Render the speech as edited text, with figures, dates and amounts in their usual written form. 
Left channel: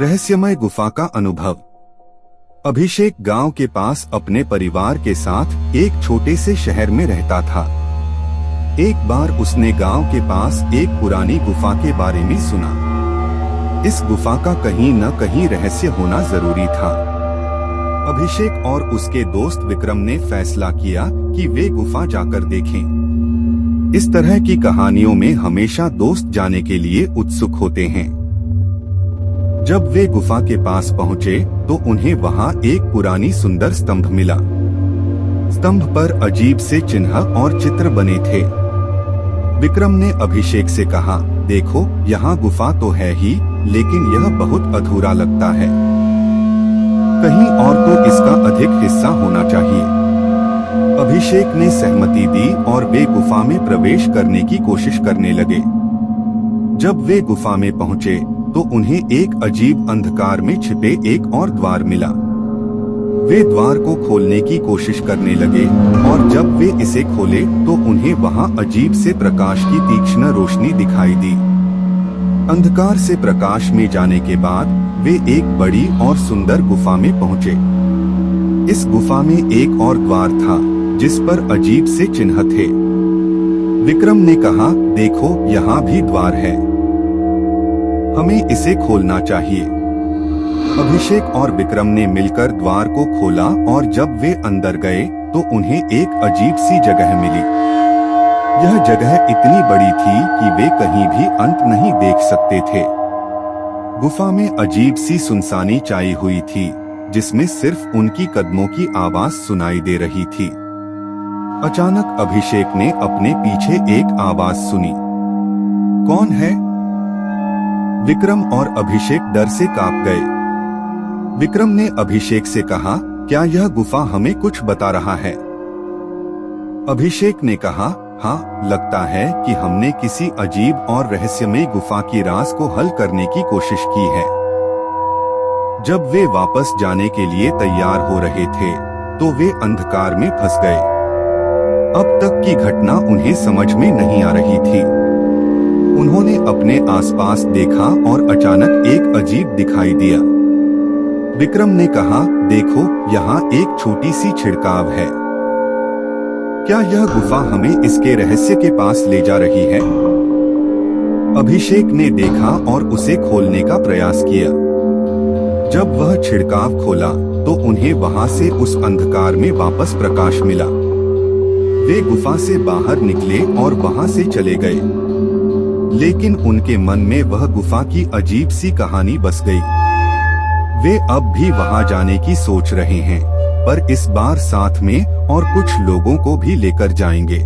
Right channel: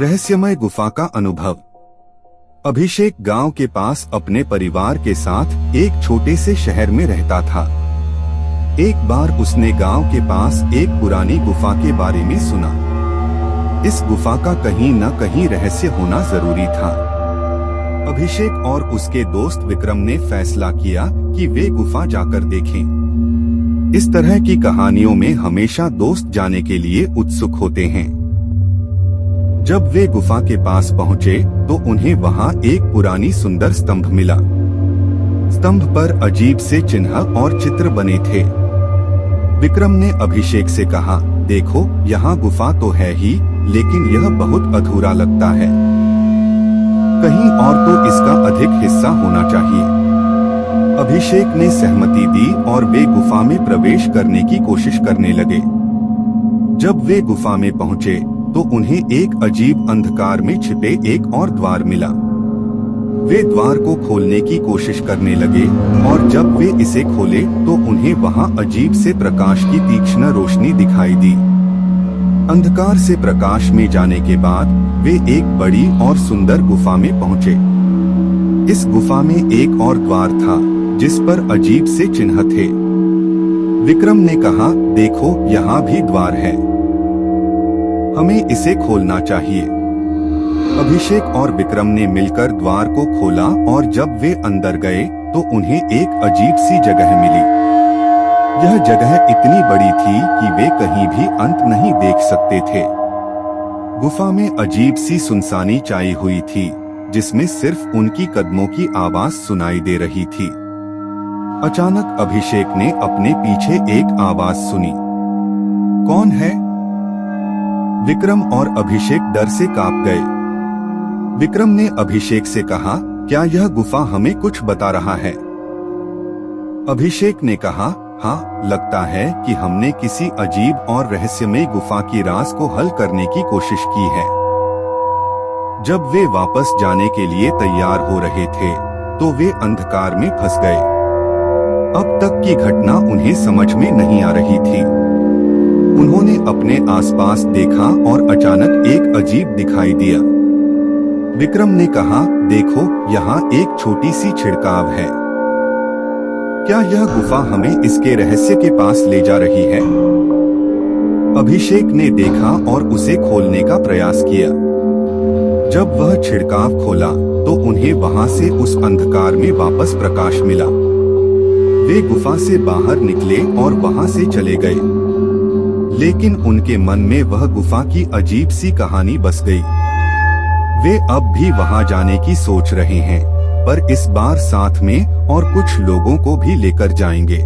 रहस्यमय गुफा का अनुभव। अभिषेक गांव के पास अपने परिवार के साथ एक छोटे से शहर में रहता था। एक बार उसने गांव के पास एक पुरानी गुफा के बारे में सुना। इस गुफा का कहीं न कहीं रहस्य होना जरूरी था। अभिषेक और उसके दोस्त विक्रम ने फैसला किया कि वे गुफा जाकर देखें। इस तरह की कहानियों में हमेशा दोस्त जाने के लिए उत्सुक होते हैं। जब वे गुफा के पास पहुंचे तो उन्हें वहां एक पुरानी सुंदर स्तंभ मिला। स्तंभ पर अजीब से चिन्ह और चित्र बने थे। विक्रम ने अभिषेक से कहा, देखो, यहाँ गुफा तो है ही, लेकिन यह बहुत अधूरा लगता है। कहीं और तो इसका अधिक हिस्सा होना चाहिए। अभिषेक ने सहमति दी और वे गुफा में प्रवेश करने की कोशिश करने लगे। जब वे गुफा में पहुंचे तो उन्हें एक अजीब अंधकार में छिपे एक और द्वार मिला। वे द्वार को खोलने की कोशिश करने लगे और जब वे इसे खोले तो उन्हें वहां अजीब से प्रकाश की तीक्ष्ण रोशनी दिखाई दी। अंधकार से प्रकाश में जाने के बाद वे एक बड़ी और सुंदर गुफा में पहुंचे। इस गुफा में एक और द्वार था जिस पर अजीब से चिन्ह थे। विक्रम ने कहा, देखो, यहाँ भी द्वार है, हमें इसे खोलना चाहिए। अभिषेक और विक्रम ने मिलकर द्वार को खोला और जब वे अंदर गए तो उन्हें एक अजीब सी जगह मिली। यह जगह इतनी बड़ी थी कि वे कहीं भी अंत नहीं देख सकते थे। गुफा में अजीब सी सुनसानी छाई हुई थी, जिसमें सिर्फ उनकी कदमों की आवाज सुनाई दे रही थी। अचानक अभिषेक ने अपने पीछे एक आवाज सुनी। कौन है? विक्रम और अभिषेक डर से कांप गए। विक्रम ने अभिषेक से कहा, क्या यह गुफा हमें कुछ बता रहा है? अभिषेक ने कहा, हाँ, लगता है कि हमने किसी अजीब और रहस्यमय गुफा की राज को हल करने की कोशिश की है। जब वे वापस जाने के लिए तैयार हो रहे थे तो वे अंधकार में फंस गए। अब तक की घटना उन्हें समझ में नहीं आ रही थी। उन्होंने अपने आसपास देखा और अचानक एक अजीब दिखाई दिया। विक्रम ने कहा, देखो, यहाँ एक छोटी सी छिड़काव है। क्या यह गुफा हमें इसके रहस्य के पास ले जा रही है? अभिषेक ने देखा और उसे खोलने का प्रयास किया। जब वह छिड़काव खोला तो उन्हें वहां से उस अंधकार में वापस प्रकाश मिला। वे गुफा से बाहर निकले और वहां से चले गए, लेकिन उनके मन में वह गुफा की अजीब सी कहानी बस गई। वे अब भी वहां जाने की सोच रहे हैं, पर इस बार साथ में और कुछ लोगों को भी लेकर जाएंगे।